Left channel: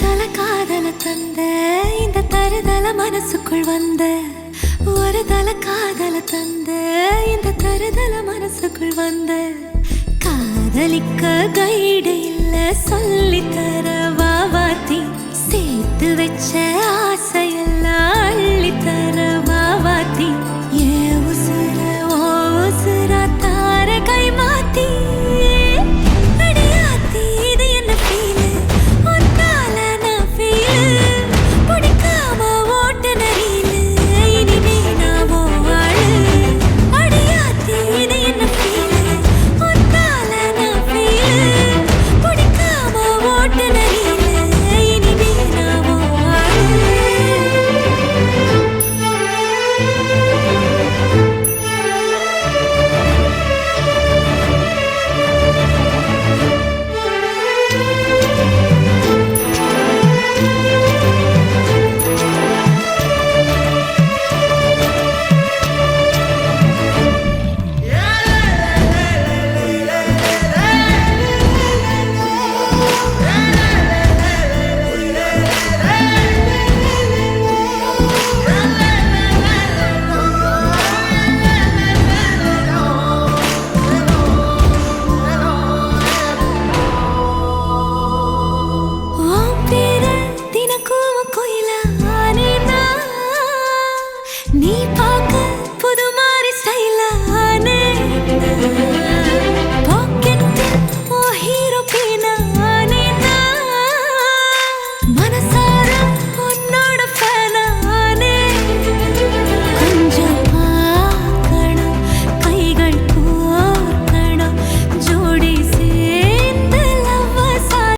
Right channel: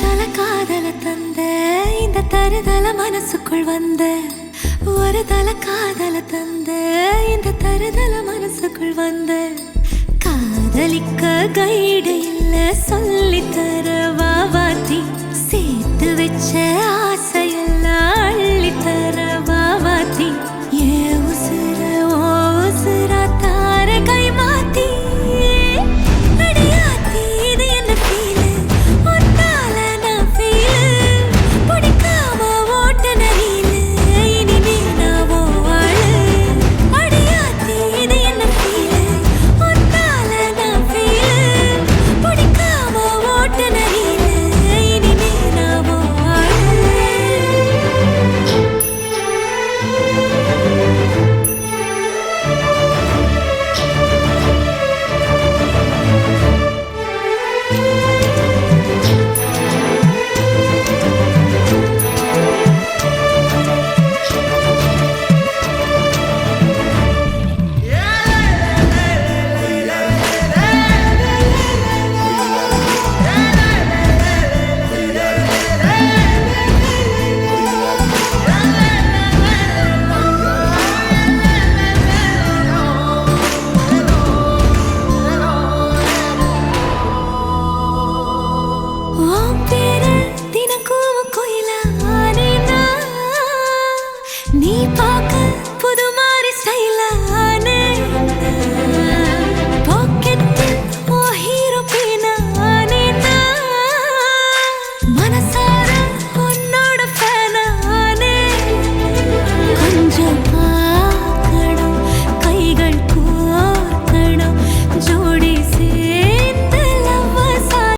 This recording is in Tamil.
தருதல காதல தந்த இந்த தருதல மனசுக்குள் வந்த ஒரு தல காதல தந்த இந்த தருதல மனசுக்குள் வந்த காதலிக்க கைடு இல்ல சொல்லி தர வாவாத்தி சேர்த்து வச்ச ஆசையெல்லாம் அள்ளி தர வாவாத்தி ஏ உசுர